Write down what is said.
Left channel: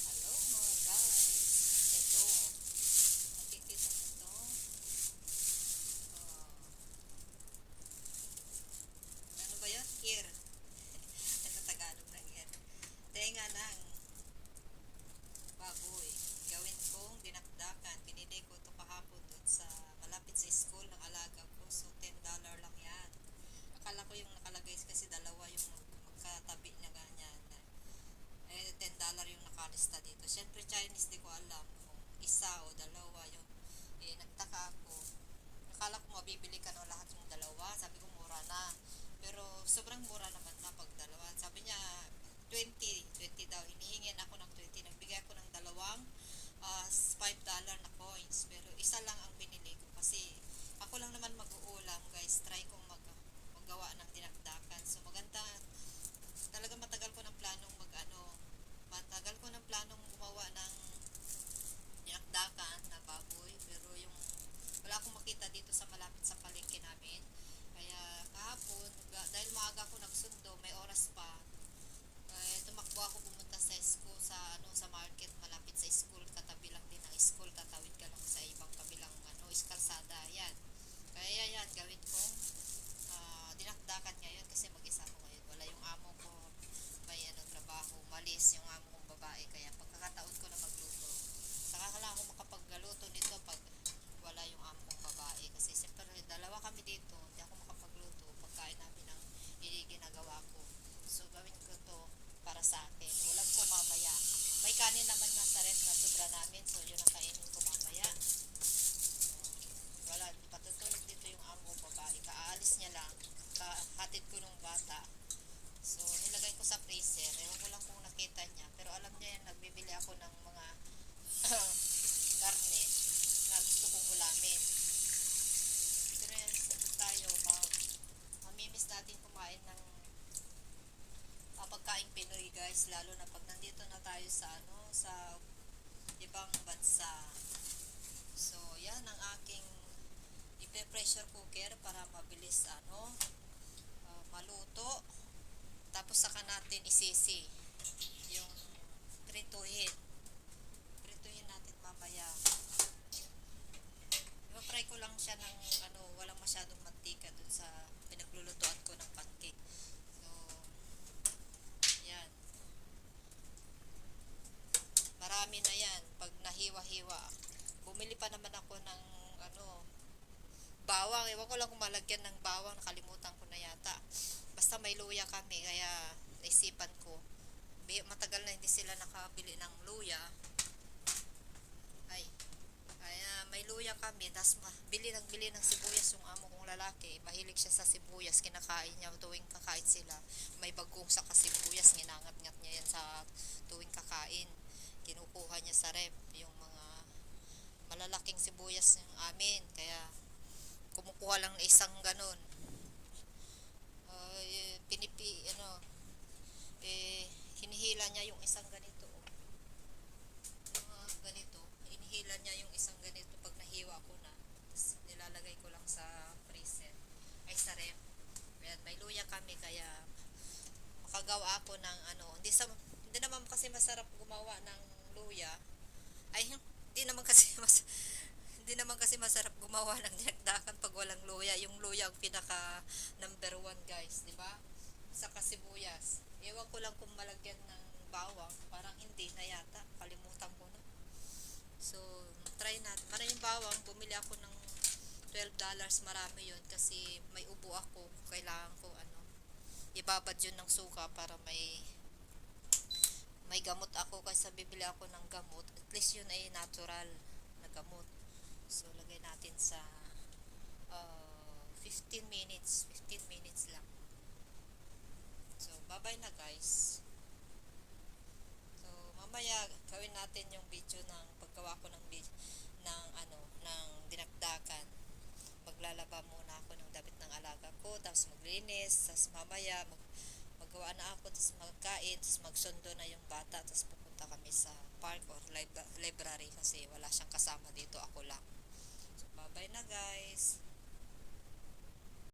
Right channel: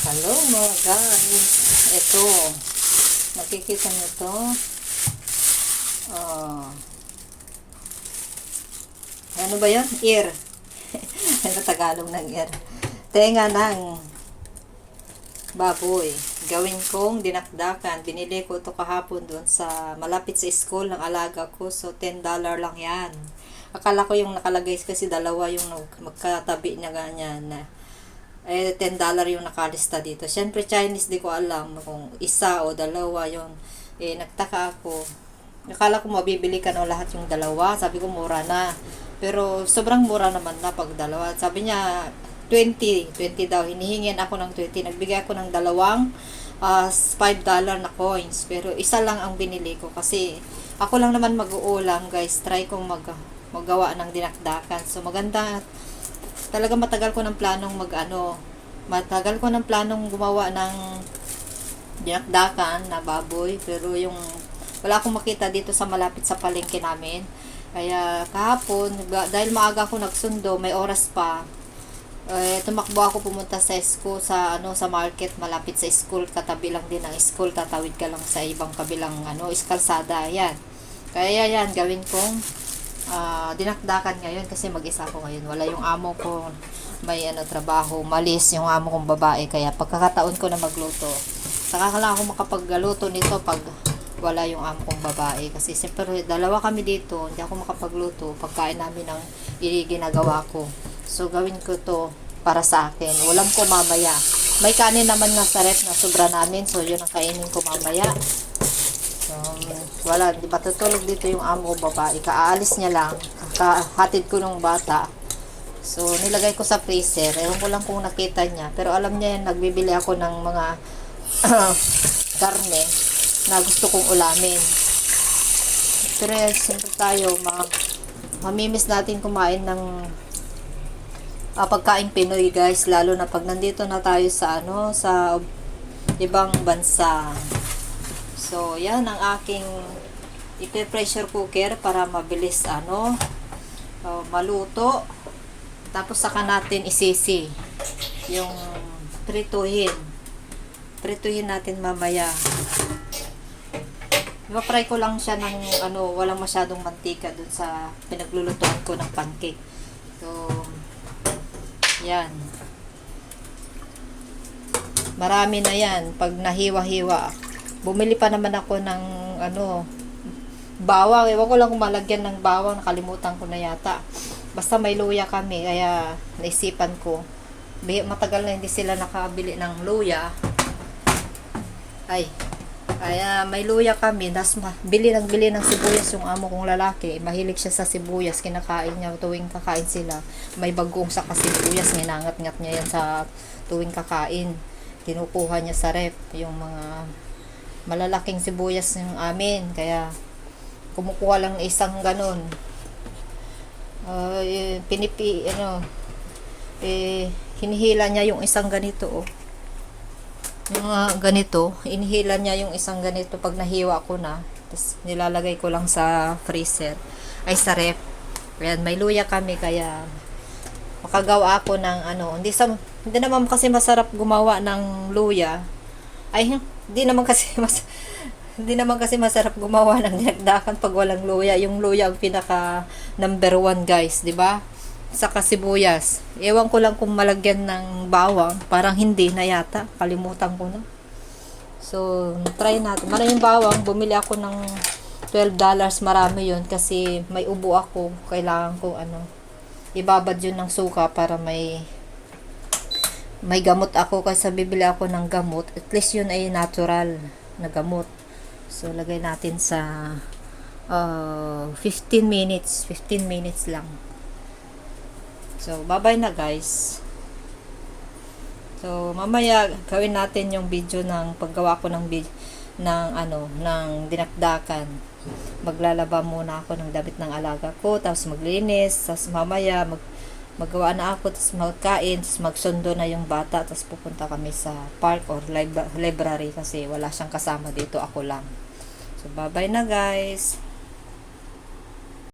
Hello mga guys. Ito. Nakikita nyo to. Oh. Ano ba yun? Ear. Ano Tagalog ng ear? Tenga ng baboy. Gawin kong dinakdakan. Binili ko ito kahapon doon sa malapit sa school ng alaga ko. So, $10 lang yan. Akala ko yung nakalagay kasi dalawa yung magkatabi niya ganyan na. $10 yung nakalista dito. Siyempre, Chinese, di ko alam kung isa o dalawa yun. Nagtaka ako. Akala ko mabibili ka no lahat yung dalawa. Sabi ko, mura na. Pero, sobrang mura naman na pag dalawa. Sabi niya, 20 daw. Hinihingin ako ng 20. Nagbigay ako ng dalawang $5 na coins. Pero, isa lang ang binili ko. Kasi, ako lang naman mag-uulam, guys. Try kong magawa ng dinakdakan. So, maganda. Talaga matagal ko ng planong matagal ko ng planong gumawa ng dinakdakan na baboy, pero yung wala akong makita dito sa malapit sa palengke namin. Kaya kahapon, dahil maaga ako nagsundo, may oras pa, tumakbo ako pumunta sa school, sa market malapit sa school, katabi lang din ng school, tatawid ka lang sa ibang kabilang kalsada. Yan. Kaya yan, gawin kong dinakdakan ngayon kasi mag-isa ako ngayon. Wala yung amo ko, may trabaho, malis yung amo kong babae, kaya pagkakataon ko na magluto. Saka lang ako makapagluto nito pag wala yung amo kong babae kasi siyempre dalawa kami dito, hindi ako makapagluto pagkain namin ng ginagawa ko. So gawin ko to para sa akin. Ulam ko mamaya. May kanin naman nga sa ref na sobra namin, so yun ang kainin ko mamaya. Wala, di ba tutulog dito yung amo ko babae, kaalis niya lang, hatid ko nung bata. So nilagay ko sa freezer, ewan ko lang kung nakita niya, pero alam niya yan, nagbibili ako ng mga karne na gusto kong ulamin. Pero siyempre tayo mamimiss natin kumain ng pagkain Pinoy, guys, lalo na pag nandito na tayo sa sa ibang bansa. So, yan ang aking ipe-pressure cooker para mabilis maluto. Tapos saka natin isisi yung prituhin. Prituhin natin mamaya. Ipa-fry ko lang siya ng walang masyadong mantika dun sa pinaglulutuan ko ng pancake. So, yan. Marami na yan pag nahiwa-hiwa. Bumili pa naman ako ng bawang. Ewan ko lang kung malagyan ng bawang. Nakalimutan ko na yata. Basta may luya kami. Kaya naisipan ko. Matagal na hindi sila nakabili ng luya. Kaya may luya kami. Das bili ng sibuyas yung amo kong lalaki. Mahilig siya sa sibuyas. Kinakain niya tuwing kakain sila. May bagong saka sibuyas. Nginangat-ngat niya yan sa tuwing kakain. Kinukuha niya sa ref. Yung mga malalaking sibuyas yung amin, kaya kumukuha lang isang ganon. Hinihila niya yung isang ganito, yung ganito, inihila niya yung isang ganito pag nahiwa ko na, tapos nilalagay ko lang sa freezer, sa ref. Ayan, may luya kami, kaya makagawa ako ng hindi naman kasi masarap gumawa ng luya. Hindi naman kasi masarap gumawa ng dinakdakan pag walang luya. Yung luya ang pinaka number 1, guys, 'di ba? Saka sibuyas. Ewan ko lang kung malagyan ng bawang, parang hindi na yata, kalimutan ko na. So, try natin. Maraming bawang, bumili ako ng $12, marami 'yun kasi may ubo ako. Kailangan ko ibabad 'yun ng suka para may gamot ako, kasi bibili ako ng gamot. At least yun ay natural na gamot. So, lagay natin sa 15 minutes. 15 minutes lang. So, bye-bye na, guys. So, mamaya gawin natin yung video ng paggawa ko ng dinakdakan. Maglalaba muna ako ng damit ng alaga ko, tapos maglinis, tapos mamaya maggawa na ako, tapos magkain, tapos magsundo na yung bata, tapos pupunta kami sa park or library kasi wala siyang kasama dito, ako lang. So, bye-bye na, guys.